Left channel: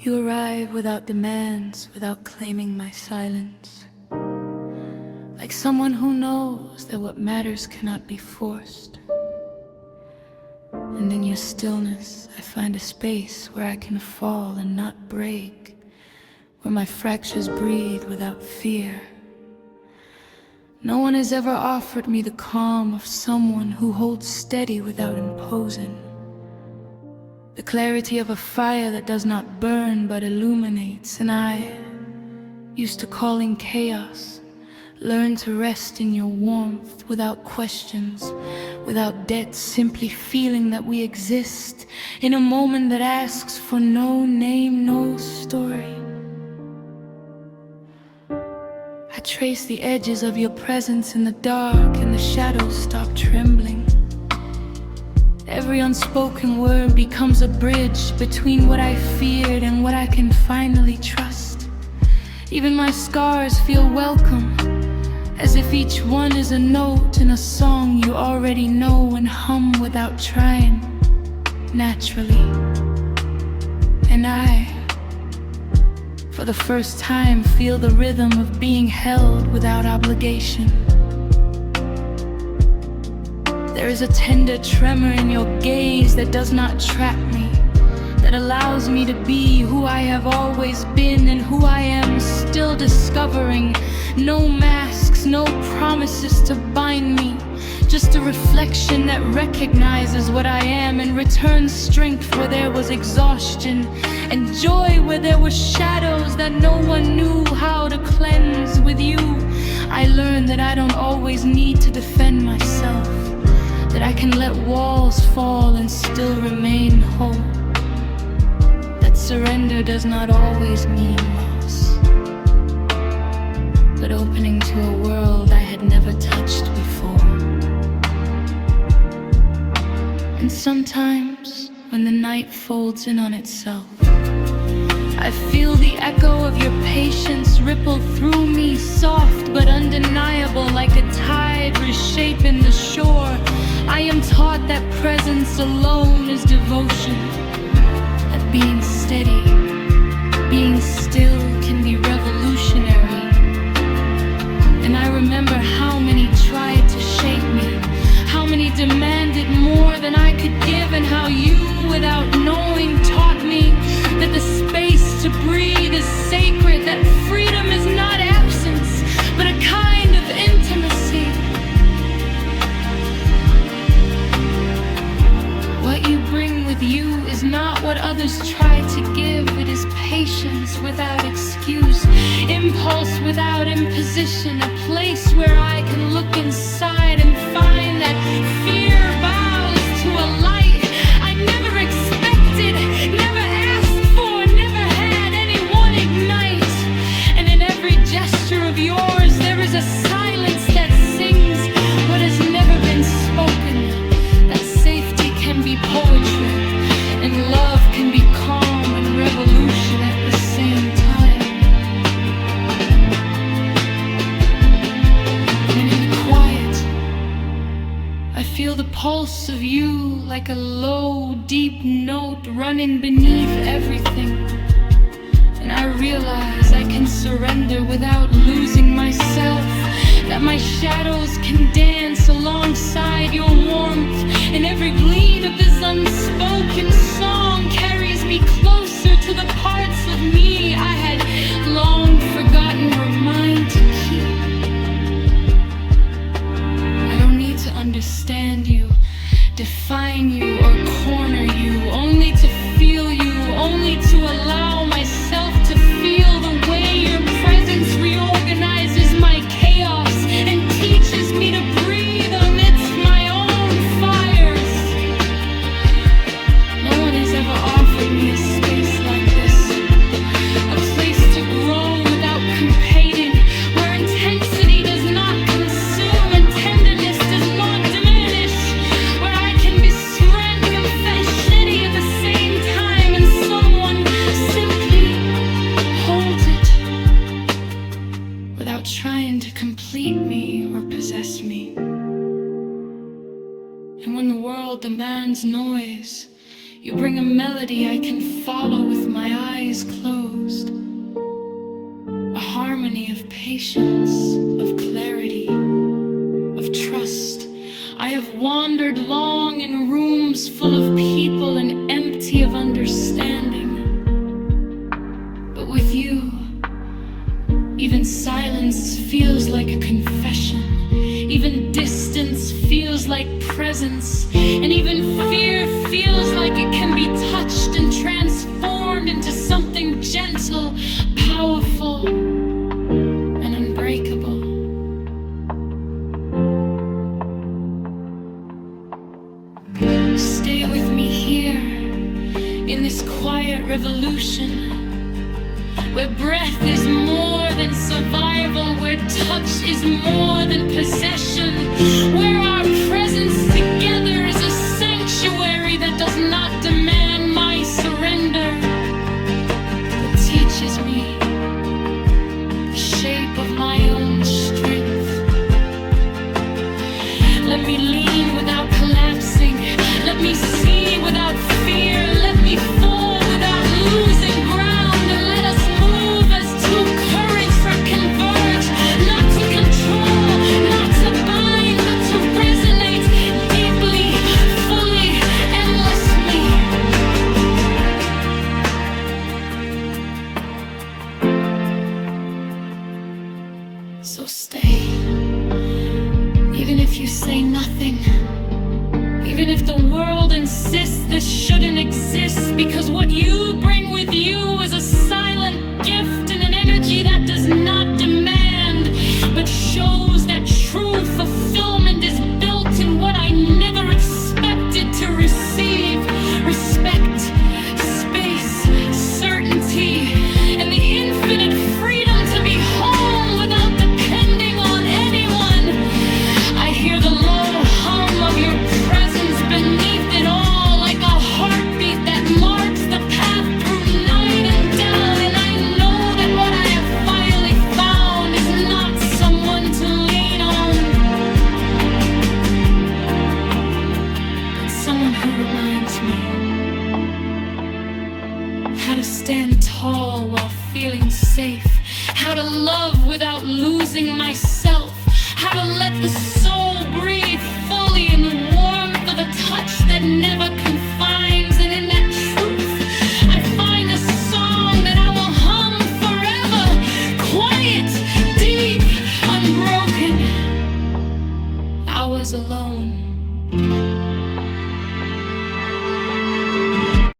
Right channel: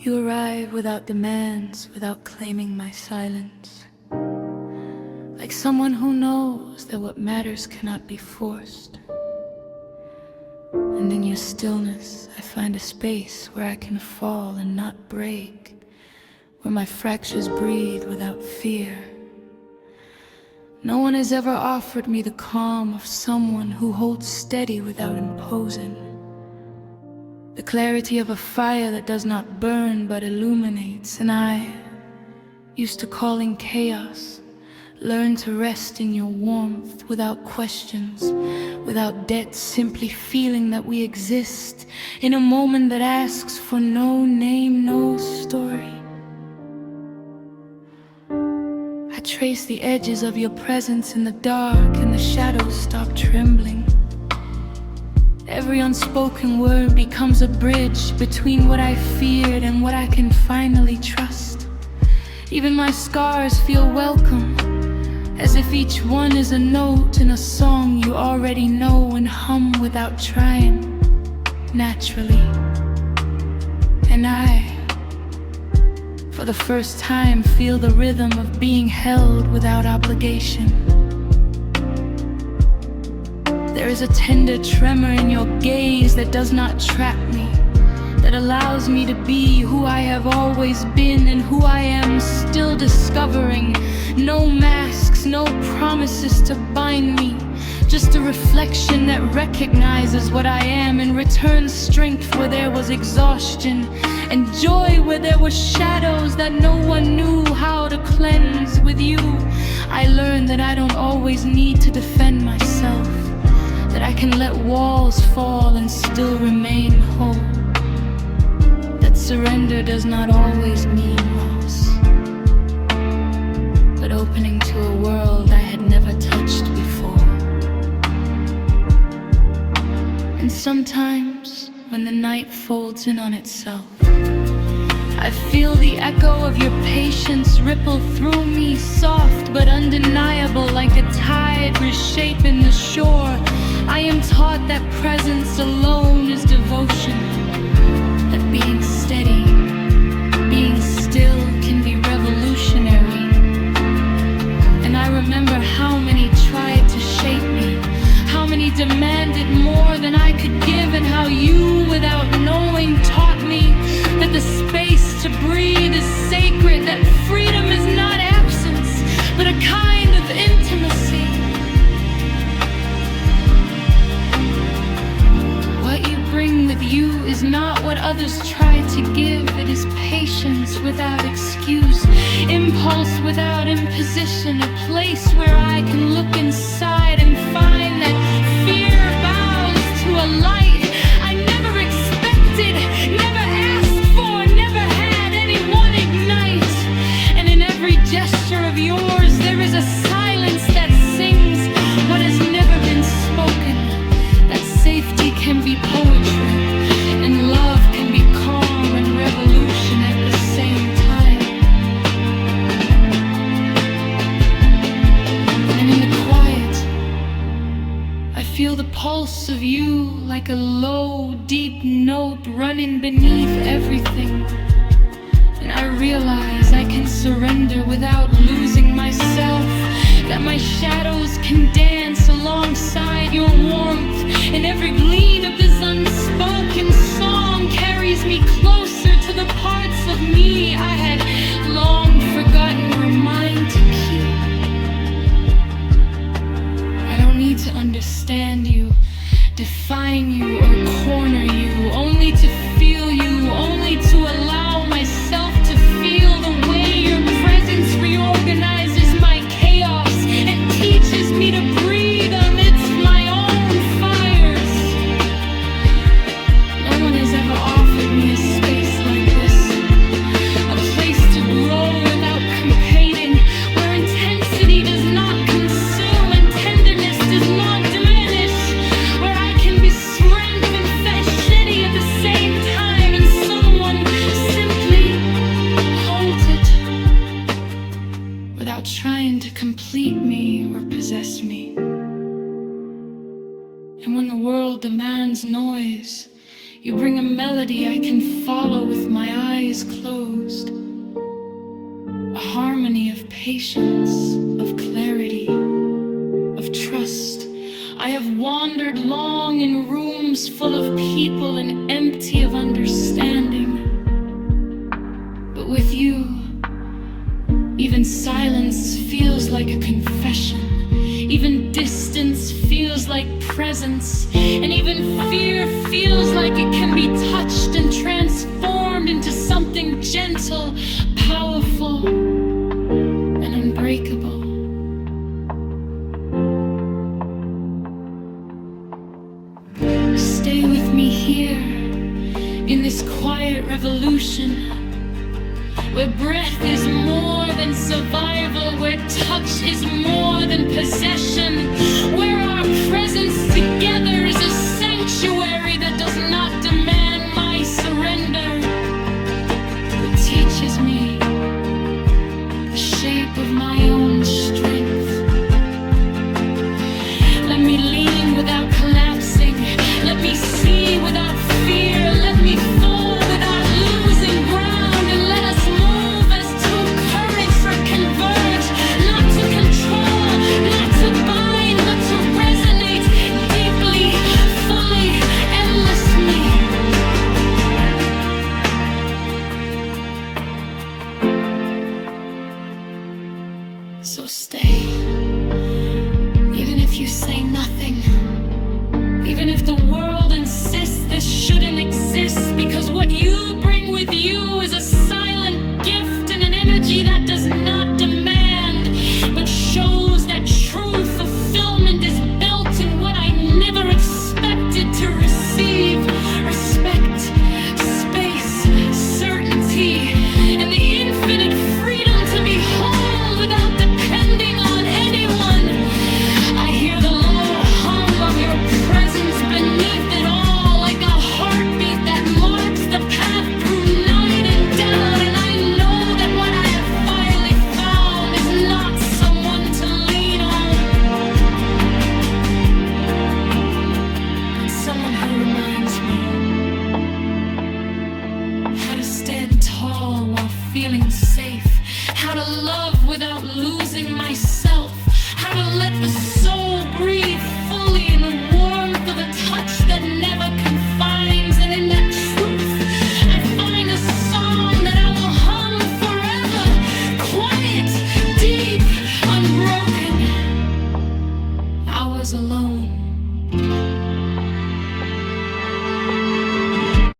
You arrive without demands, without claiming my silence. Like someone who knows that what matters cannot be forced. And in your stillness, I find a space where I can fall and not break, where my fractures breathe without fear. No one has ever offered me the calm of someone who holds steady without imposing. The clarity of a fire that does not burn but illuminates. And I, used to calling chaos, learn to rest in your warmth without questions, without debt, simply feeling that we exist in a moment that asks for no name, no story. I trace the edges of your presence in the dark, and the shadows stop trembling. Every unspoken word becomes a bridge between what I feared and what I can finally trust. Even my scars feel welcome, as if each one is a note in a song you already know and hum without trying, naturally. And I, for the first time, feel the rhythm of being held without obligation. There is a tender tremor in your gaze that does not trap me, that allows me to be who I have always been and who I am still discovering. No masks, no promises to bind me, just a reflection that recognizes what I am and returns strength where there was exhaustion, and joy where there were shadows that no one knew how to cleanse. With you, I learned that I don't always need to defend myself, that I can let walls fall and still remain whole, that surrender does not always mean loss, but opening to a world I had never touched before. And sometimes, when the night folds in on itself, I feel the echo of your patience ripple through me, soft but undeniable, like a tide reshaping the shore. I am taught that presence alone is devotion, that being steady, being still can be revolutionary. And I remember how many tried to shape me, how many demanded more than I could give, and how you, without knowing, taught me that the space to breathe is sacred, that freedom is not absence, but a kind of intimacy. What you bring with you is not what others try to give. It is patience without excuse, impulse without imposition, a place where I can look inside and find that fear bows to a light I never expected, never asked for, never had anyone ignite. And in every gesture of yours there is a silence that sings what has never been spoken, that safety can be poetry, and love can be calm and revolution at the same time. And then in the quiet, I feel the pulse of you like a low, deep note running beneath everything. And I realize I can surrender without losing myself, that my shadows can dance alongside your warmth, and every gleam of this unspoken song carries me closer to the parts of me I had long forgotten were mine to keep. I don't need to understand you, define you, or corner you, only to feel you, only to allow myself to feel the way your presence reorganizes my chaos and teaches me to breathe amidst my own fires. No one has ever offered me a space like this, a place to grow without competing, where intensity does not consume and tenderness does not diminish, where I can be strength and fetishity at the same time, and someone simply holds it without trying to complete me or possess me. And when the world demands noise, You bring a melody I can follow with my eyes closed. A harmony of patience, of clarity, of trust. I have wandered long in rooms full of people and empty of understanding. But with you, even silence feels like a confession. Even distance feels like presence. And even fear feels like it can be touched and transformed into something gentle, powerful, and unbreakable. Stay with me here, in this quiet revolution, where breath is more than survival, where touch is more than possession, where our presence together is a sanctuary that does not demand my surrender, but teaches me the shape of my own strength. Let me lean without collapsing. Let me see without fear. Let me fall without losing ground. And let us move as two currents that converge, not to control, not to bind, but to resonate deeply, fully, endlessly. So stay. Even if you say nothing, even if the world insists this shouldn't exist, because what you bring with you is a silent gift and an energy that does not demand, but shows that true fulfillment is built in what I never expected to receive. Respect, space, certainty, and the infinite freedom to be home without depending on anyone. I hear the low hum of your presence beneath it all, like a heartbeat that marks the path through night and doubt. And I know that what I have finally found is not someone to lean on, but someone who reminds me how to stand tall while feeling safe, how to love without losing myself, how to let the soul breathe fully in the warmth of a touch that never confused.